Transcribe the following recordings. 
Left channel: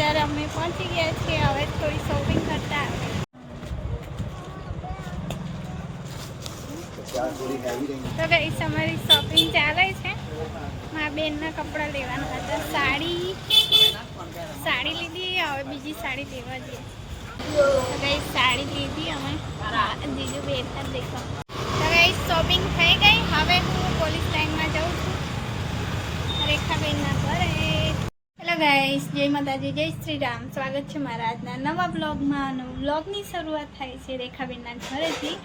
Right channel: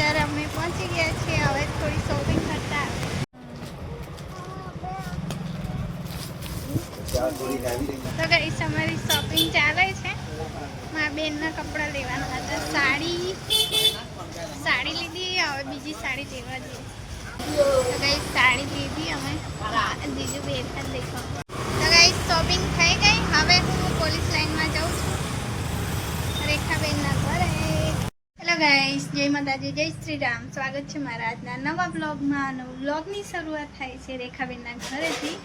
બજાર અમે પહોંચી ગયા છીએ. હવે થોડી શોપિંગ કરતા આવે. તો ગાઈસ અમારી શોપિંગ ચાલે છે. મારા બેનના કપડાં લેવાના હતા. સાડી લીધી. હવે બીજી સાડી લેવા જઈએ. તો ગાઈસ સાડી લીધી અમે. જીજુ બેઠા દેખો. તો ગાઈસ શોપિંગ થઈ ગઈ. હવે હું પોલીસ લાઈનમાં જાઉં છું રેખાબેનના ઘરે. હેલો ગાઈસ, જય માતાજી, જય શ્રી રામ. સ્વાગત છે મારા આજના નવા બ્લોગમાં. બ્લોગની શરૂઆત થાય છે રેખાબેનના ઘરેથી.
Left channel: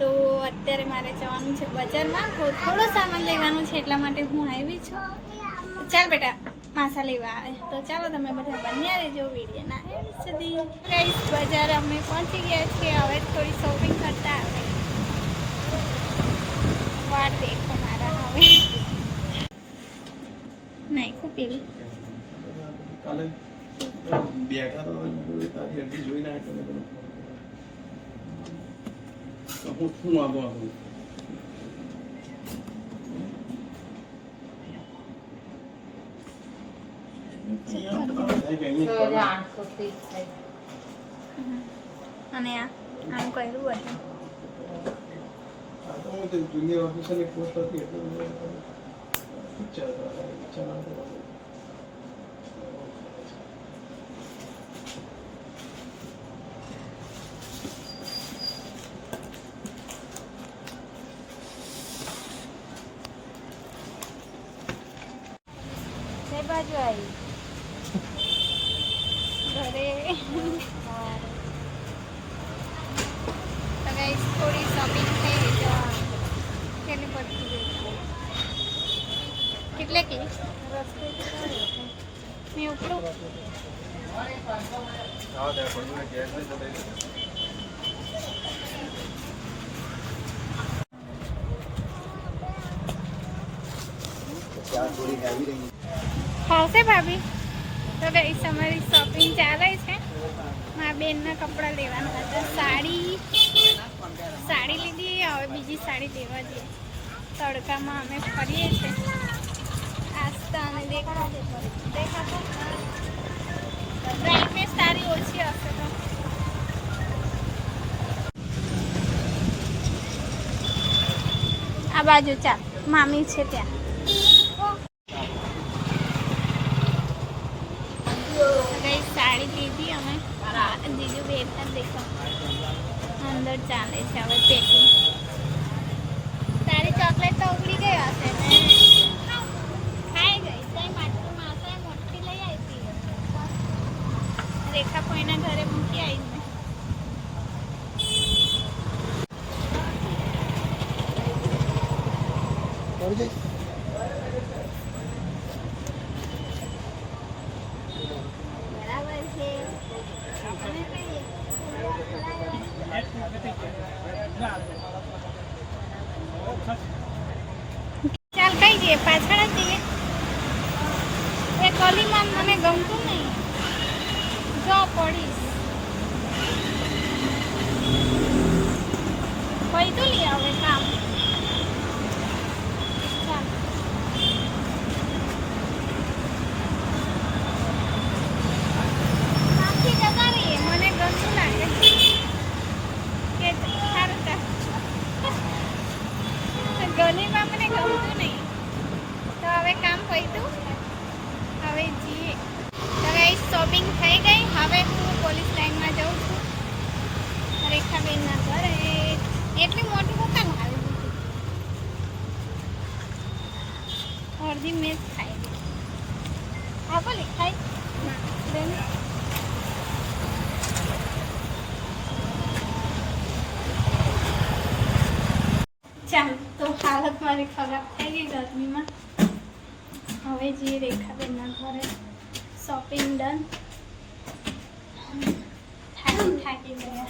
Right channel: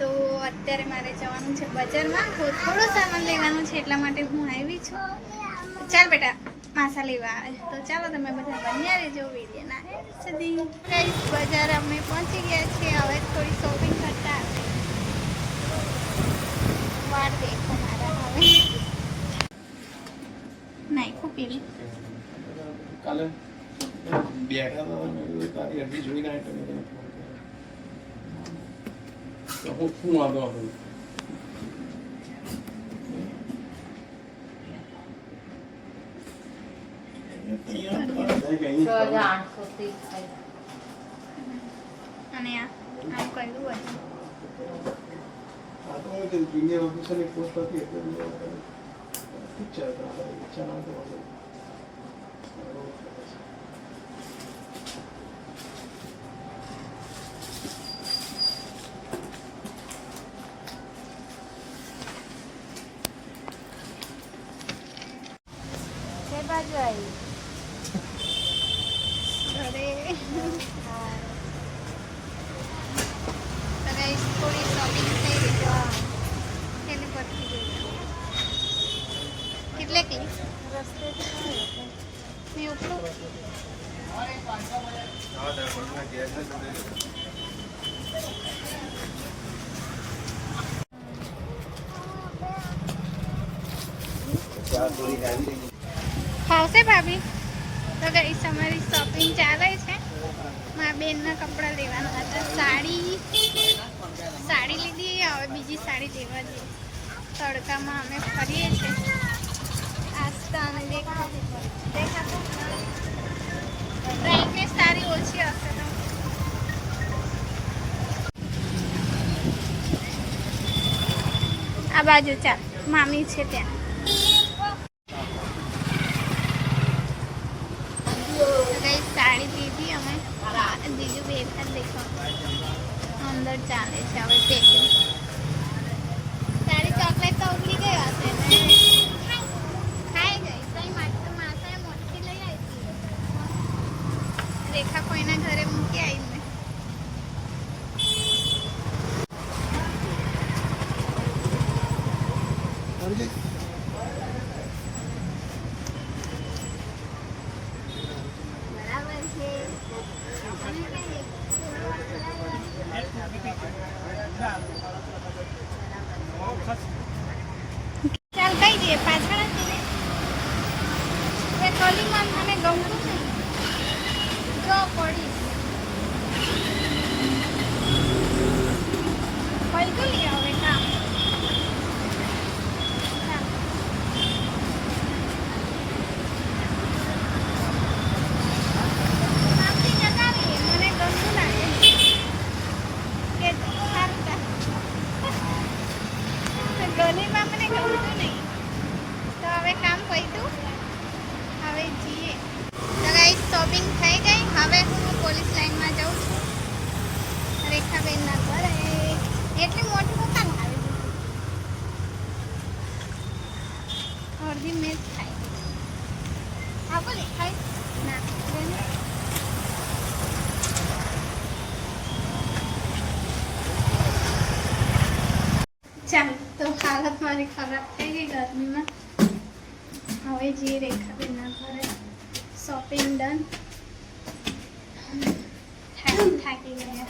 તો અત્યારે મારે જવાનું છે બજારમાં. થોડો સામાન લેવાનું છે, એટલા માટે હું આવી છું. ચાલ બેટા, માસા લેવા આવે. તો ચાલો તમે બધા બન્યા રહેજો વિડીયોના એન્ડ સુધી. ગાઈસ બજાર અમે પહોંચી ગયા છીએ. હવે થોડી શોપિંગ કરતા આવે. વાર દેખો મારા. હવે નાખું પેલી કાલે બેઠા તો તારી અડધી જોઈને આવ્યો તો હું શું વાંધો હતો. અને આમ કર્યું હતું. આ તો હું જુનિયર ઓફિસરની પોસ્ટ હતી એટલે ઈચ્છા ના તો બાજુ આવી ઘરે. તો ગાઈસ થોડી શોપિંગ થઈ ગઈ. તો કેટલી પડતી ગઈ કેટલે કે મેં ઉપડું ખાવશે ભાભી. તો ગાઈસ અમારી શોપિંગ ચાલે છે. મારા બેનના કપડાં લેવાના હતા. સાડી લીધી. હવે બીજી સાડી લેવા જઈએ. તડકામાં અમે ફરીએ છીએ. આસ્તા અને બ્રાઇટનેસ સારી ઓછી હશે તો. આ બાજુ ચાલ, મામી છે ત્યાં. સાડી લીધી અમે. જીજુ બેઠા દેખો અંદર ચાલે છે હવે પેકિંગ. તારી ચોકલેટ તો ઉગડી ગઈ હશે ને? ખાઈ ગઈ. કઈ માસાએ મોટી લઈ આવી. રેખા કોઈના ઘરે મૂકી આવી મેં. ચાલ કઈ જઈએ? પાછળ જ જઈએ. એ કલીમાં મને ગમતું નહીં. જો પડીશ પૈતું લઈ આવે કામ. ચાલ કામથી જતા રહીએ. મને ગમતું લાગે કે સારું ગલીમાં મને ગમતું નહીં. તો હવે કામ પૈતું. હવે જઈએ. તો ગાઈસ શોપિંગ થઈ ગઈ. હવે હું પોલીસ લાઈનમાં જાઉં છું રેખાબેનના ઘરે. એટલી મોટી કોકા લાવી દીધી. અડધી મેચ ખાઈ. હા બોલે ખાઈ ના. ચાલ તો હાલત મારી ખરાબ થઈ ગઈ ગરમીમાં. હવે જઈએ રેખાબેનના ઘરે. Shopping done. થાકી ગયા.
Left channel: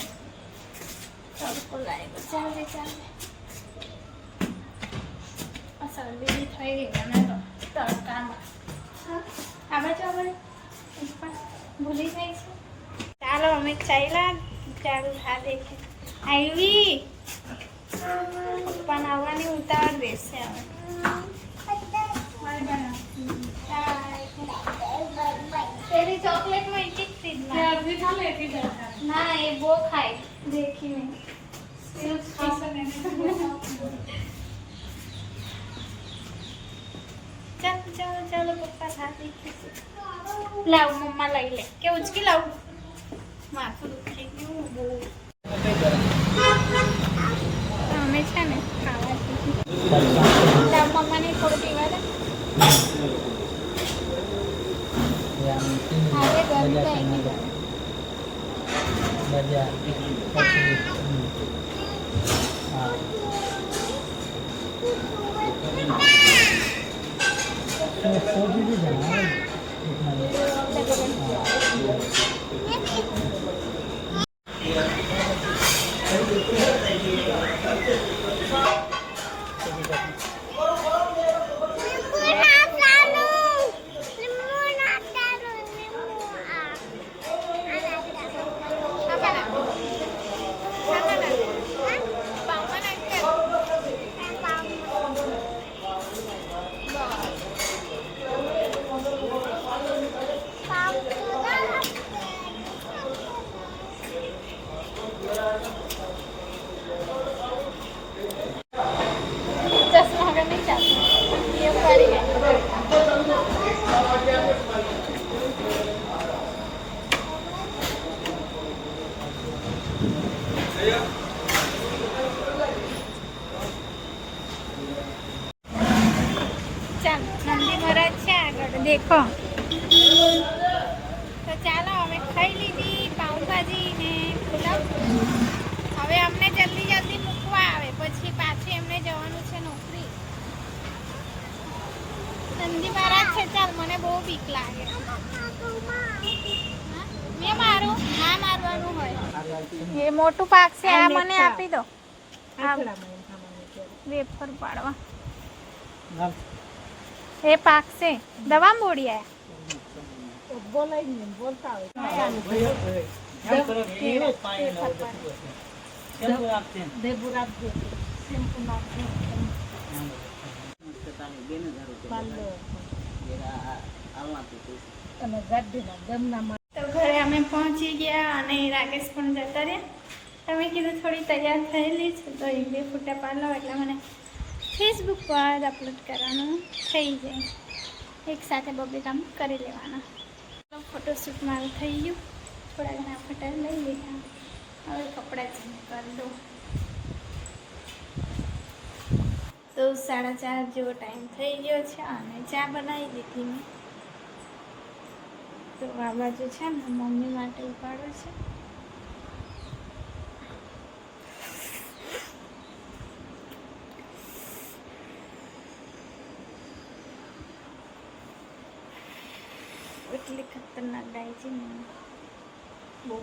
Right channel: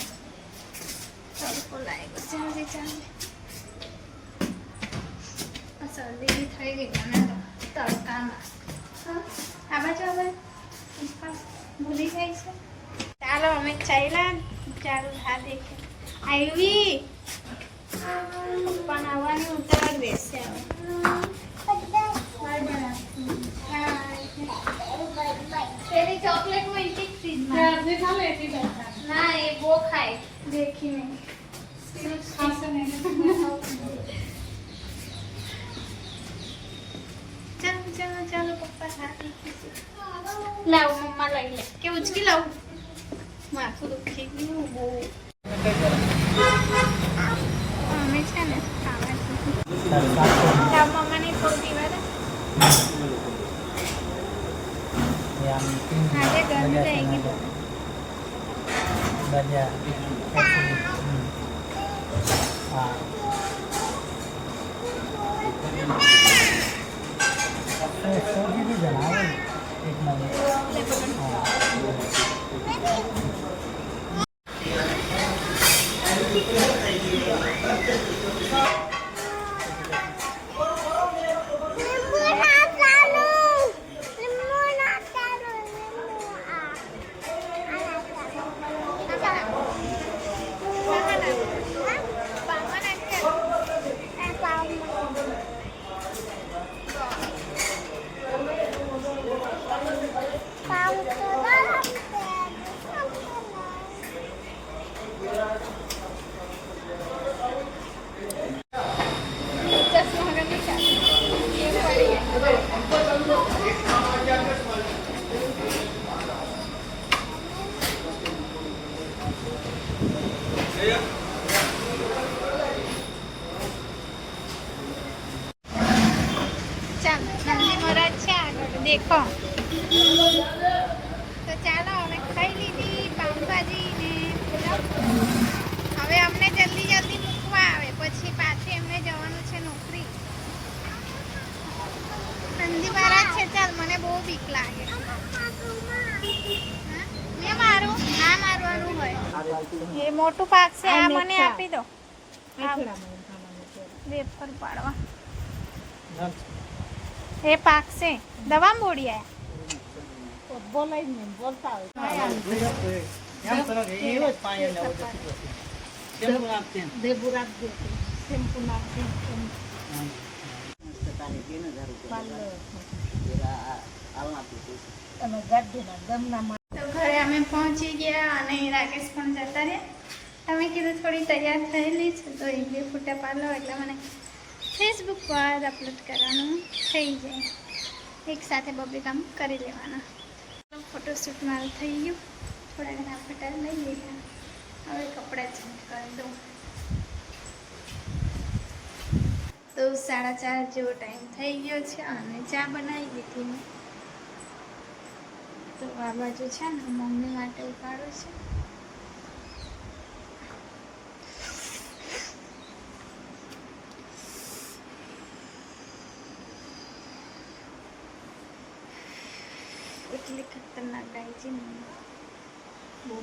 તડકો લાગ્યો. ચાલે શરદી બી થઈ ગઈ મને તો તડકામાં. આ બાજુ ભૂલી જાય છે. ચાલો અમે ચાલ્યા. ચાલો હા દેખે આવી. પપ્પાને આવવાની ઉતાવળ બેસે. હવે તેરી ચોકલેટ ના એ બહુ ખાય દેખીને ચાલો ચાલો પપ્પા ખાતી લાવ મમ્મા લઈ લે કે ઉચકી લાવું માથું દુખી ગયું બહુ અમે છે ને ખાવા લાવ મમ્માને થોડું પીવા દે આજે ગરમી લાગી ગઈ नंदी महाराज છે આગળ દેખો તો ચાલો હવે ખાઈ લીધી પાઉંભાજી ને પુલાવ હવે અમને જલ્દી જલ્દી મૂકવા આવે પછી પાછી એમને જવાનું છે નોકરી નંદી મહારાજ છે ચાલ મને બહુ બીક લાગે મેં મારું ના મારવાનું હોય એ મોટું પાક છે આ મને આપી દો વેફર પાડવા એ પાક છે દવા મોડી આયા બોલાય ને બોલતા હોય તો ઘરે અમે પહોંચી ગયા અને રાકેશ પણ જતા રહ્યા તમે કીધું થોડી તૈયાર થયેલી છે તો એ જે ફોટા પાડલો એટલે મને ફેસબુક પર અપલોડ કરવાનું થઈ જાય એક સાથે બબે કામ કરી લેવાના ફોટોશૂટ મારું થઈ ગયું થોડા ઘણા ફોટા લઈ લીધા હવે કપડાં ચેન્જ કરી દઉં તો 4:30 જેવો ટાઈમ થઈ ગયો છે અને ચા બનાવી દીધી મેં તો આ બાજુ છે ને મમ્મી માટે ઉપાડું છે એટલી ખતરનાક ગાય છે ને બહુ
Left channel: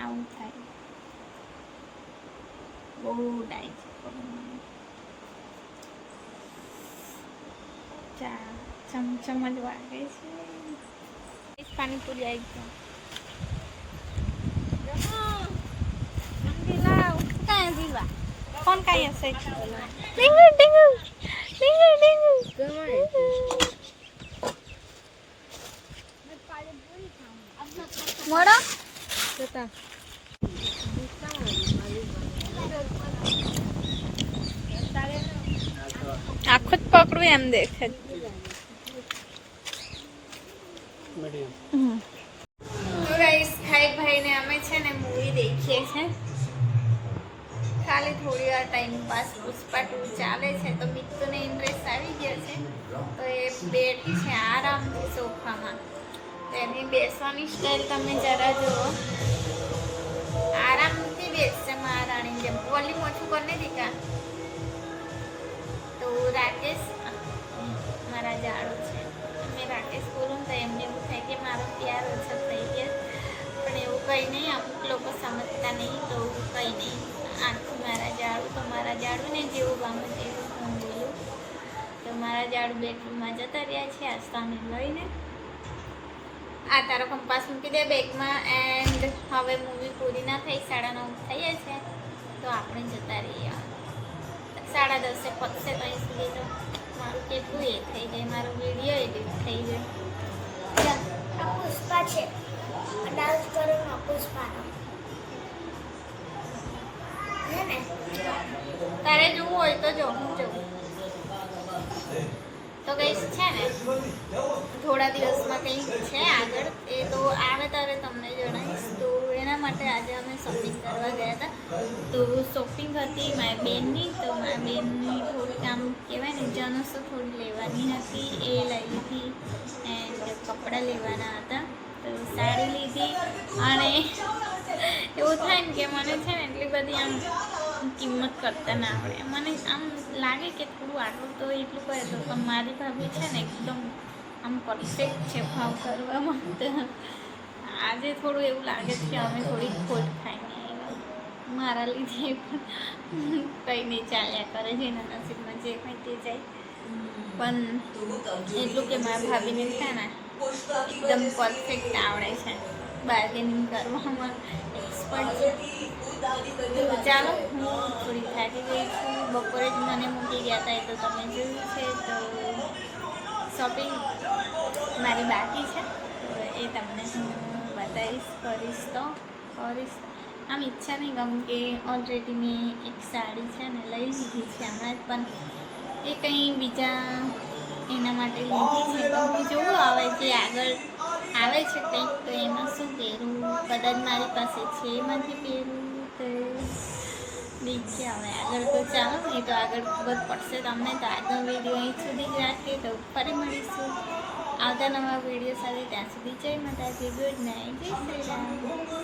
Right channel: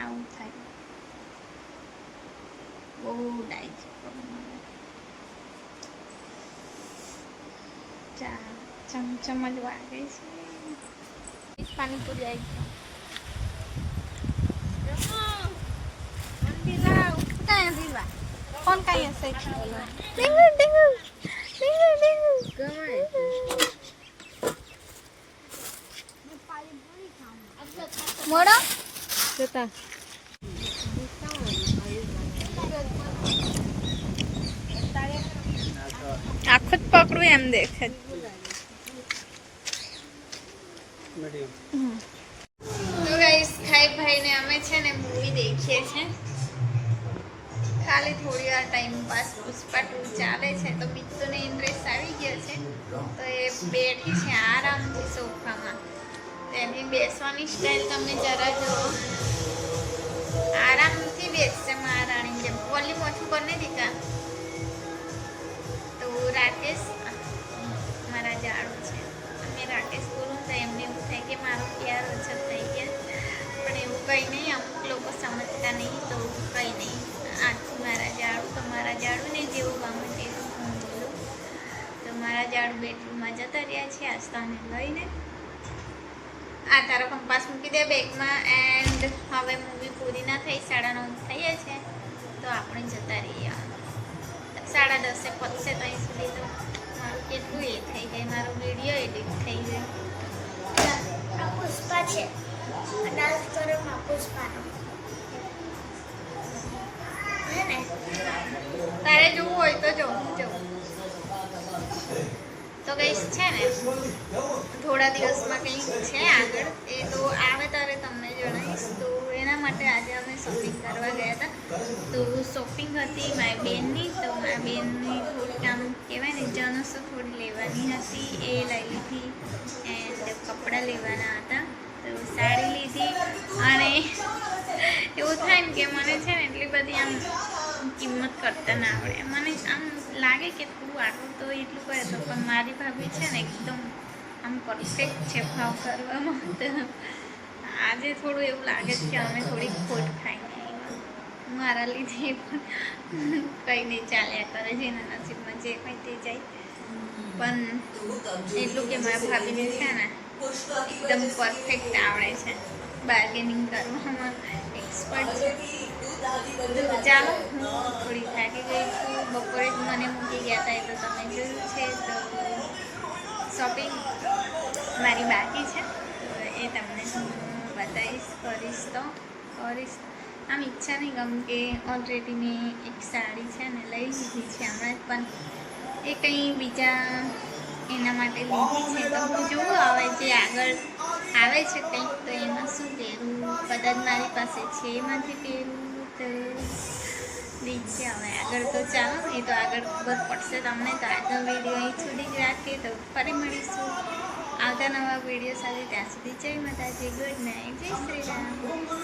આવું થાય બહુ ડાય છે પગમાં ચા ચમચમ જ વાગે છે પાણીપુરી આવી ગયો કાંઈ દીવા ફોન કાંઈ હશે ડીંગુ ડીંગુ ડીંગુ ડીંગુ મોડા જતા આખું જ પકડું એમ દેખે તો ગાઈસ ખાઈ ભાઈને અમે છે ને મૂવી દેખીએ છીએ ખાલી થોડી વાર ટાઈમ પાસ પુષ્પા 2 ચાલે છે તો મિત્તોને ઇન્ટરેસ્ટ આવી ગયો છે તો એ બેઠી છે આરામથી સોફામાં તેની બેસવાની સ્ટાઈલ તમે જરા જુઓ આરામથી બેસશે મહારાણી જેમ વોલ્યુમ ઓછું કરીને દીકા તો રાકેશ મારા જાડો છે અને રાકેશ બોલું તો એમને એવું થાય કે મારો પ્યાર ઓછો થઈ ગયા પણ એવું કંઈ નહીં અમુક લોકો સમજતા નહીં તો કંઈ નહીં આખું મારા જાડું તો મારા જાડુંને જેવું ગમે તેવું હું બોલું તો મારા જાડું બેડરૂમમાં જતા રહ્યા છે આજ તો અમે લઈને આ તારો કંપાસ મૂકી દે બેગમાં એન્ડ હવે મૂવી પૂરી ના થઈ 9:30 થઈએ છે તો આપણે જતા રહીએ 10:30 પતશે ત્યાં સુધી તો મારું કેટલું એ થઈ જાય, મારો વિડીયો એડિટ થઈ જાય. આ પુષ્પા છે. ડાન્સ કરે પુષ્પાનો. હે ને? તારે જોવું હોય તો જો, હું જોઉં. તો ગઈશ છે ને થોડા દિવસમાં કંઈક છે આગળ, એ તો આવે ત્યારે તમને જણાવીશ. તો એના માટે આજે અમે શોપિંગ કરવા ગયા હતા. તો શોપિંગ હતી મારી બેનની, તો મારી બેનની થોડીક આમ કહેવાય ને જણસો થોડી લેવાની હતી, એ લઈ લીધી. એન્ડ કપડાં લેવાના હતા, તો સાડી લીધી. અને એવું થાય ને કે મને છે ને એટલી બધી આમ કિંમત કરતા ના આવડે. મને આમ લાગે કે થોડું આટલું તો એટલું કરે તો, પણ મારી ભાભી છે ને એકદમ આમ પરફેક્ટ છે ભાવ કરવામાં. તો આજે થોડું એવું લાગે છે કે અમે થોડી ખોટ ખાઈને આવ્યા. મારા લીધે પણ કંઈ નહીં, ચાલ્યા કરે છે એના નસીબમાં જે કંઈ તે જાય. પણ એટલું કે મારા ભાભીને છે ને એકદમ પરફેક્ટ આવડે છે, બાર્ગેનિંગ કરવામાં એક્સપર્ટ છે. તો ચાલો, હું થોડી થાકી ગઈ છું. બપોરે જ મને મૂકી ગયા હતા, એ તો તમે જોયું છે. તો શોપિંગ મારી બાકી છે, તો એ તમને હું બતાવીશ, કરીશ. આમ ઈચ્છા નહીં ગમ કે ઓલરેડી મેં એક સાડી છે ને લઈ લીધી છે હમણાં જ, પણ એ કંઈ બીજા એના માટે લીધી છે. તો હું જોઉં આવે જે આગળ આવે છે કંઈક, તો એમાં શું પહેરું, કદાચ મારી પાસે છે એમાંથી પહેરું. તો દીકશે હવે આગળ. તો ચાલો, એ તો આગળ ખબર પડશે તમને. તો આગળ વિડીયો અહીં સુધી જ રાખીએ, તો ફરી મળીશું આવતા નવા વિડીયો સાથે. ત્યાં સુધી જય માતાજી, ગુડ નાઇટ, જય શ્રી રામ.